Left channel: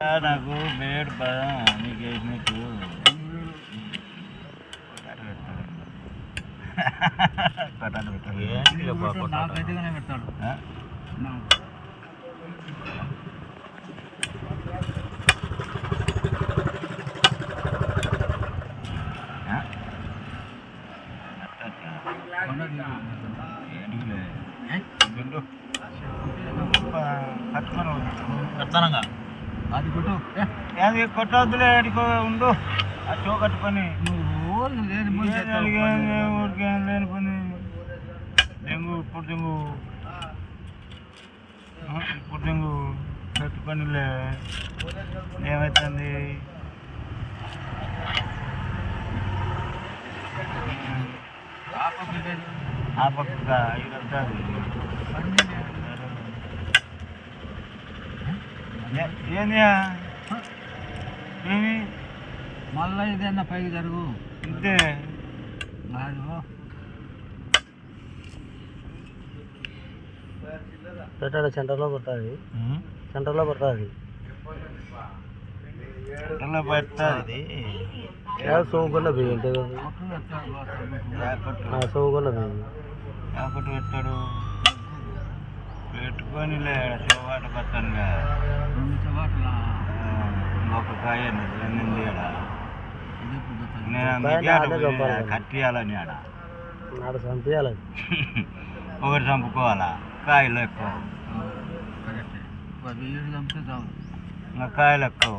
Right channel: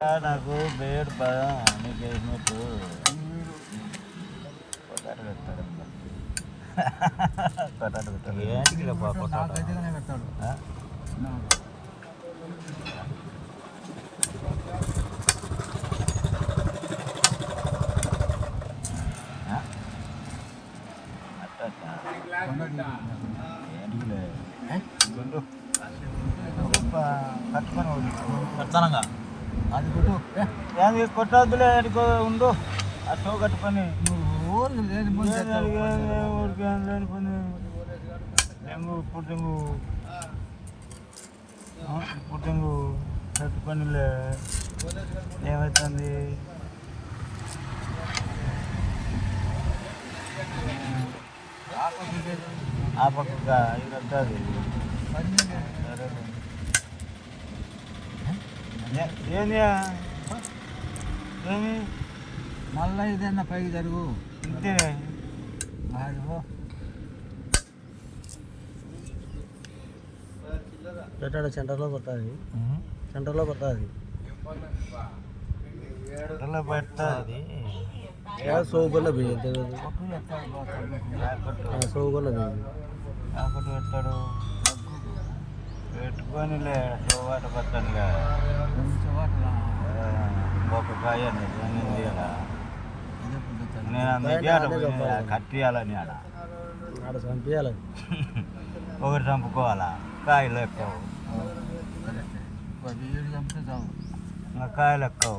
నాకు బేడ్ పదం నీకు వేసినట్టు పటాటు పెట్టాడు నాకైతేనే పెడతాడు కడతానంగా అది కొట్టు అది కొట్టవద్దులే ఎడికో ఉండు ఆ షో కట్టుకొని నువ్వు లేని పని డెంగు ఇప్పుడు డెంగు కట్టుకొనిలే ఏమవుతుంది ఆ పక్క ఇది వస్తుంది ఏంది ఏమి మళ్ళీ ఇదన్నా పైకి జరుగు ఇంతే పెట్టాడు సెంటర్లో పడుతుంది సెంటర్లో పడుతుంది సెంటర్లో పడుతుంది సోగున్న బియ్యం సోగున్న బియ్యం ఒకటి పెట్టాడు పెట్టుకొని చోవాట పట్టానుగా 2 చోవాటలా ఒక కాయ నేను అందుకే కట్టియాలని ఆడ చంపేయాలని ఒకటి చంపుకోవాలా కాయలు ఎక్కువ వీడు చంపితే చాలు ఇంకా కాయలు ఎక్కువ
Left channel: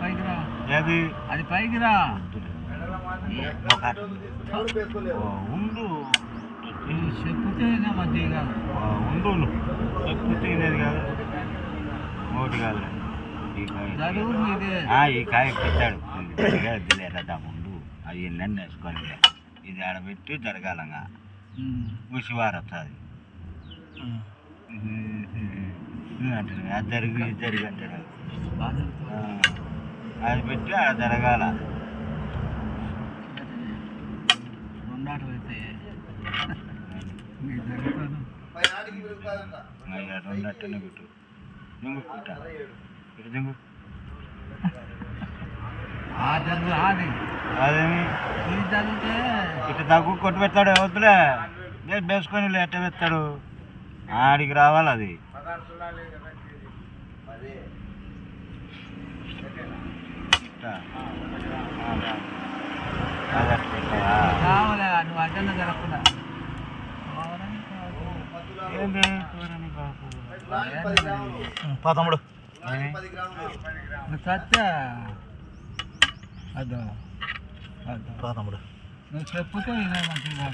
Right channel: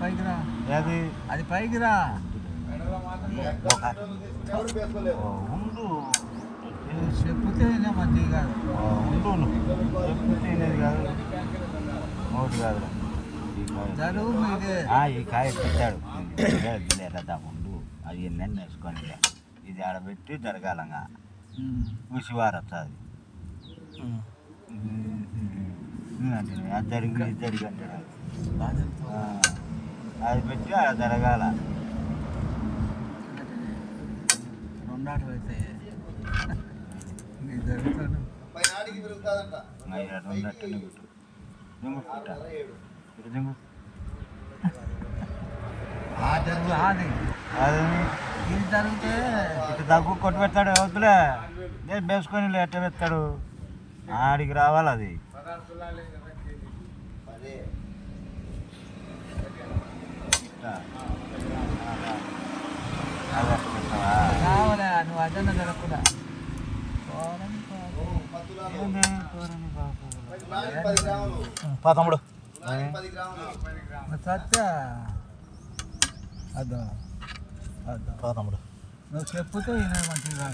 పైకిరా ఏది అది పైకిరా ఉండు చెప్పుతే మంచిది కాదు ఉండు చెప్పు తినేది కాదు ఒకటి కాదు ఈ కాయ పెట్టాడు లేదా ముందు అవి నన్ను వేసుకొని ఇది ఆడబెట్టి జరగాలంగా ముసివారు వస్తుంది అంటాడు అది జరిగి అంటాడు అది పెట్టి ఆడ జరగాల రెండాటం అయితే రెండట్టనే పెట్టు జంగు ఇటు జంగు అదేమి ఇది జరిగితే ఇటు దగ్గు కొట్టు పెడతాడు వద్దులే వేసుకొని ఎట్ట పెడతాడు ఆడికి రావాలి అది రావాలే నువ్వు అడ్డన్న జరగకుండా తమ్ముడు చచ్చా అద్దా తమ్ముడు నువ్వు చెప్పుతే మంచిగా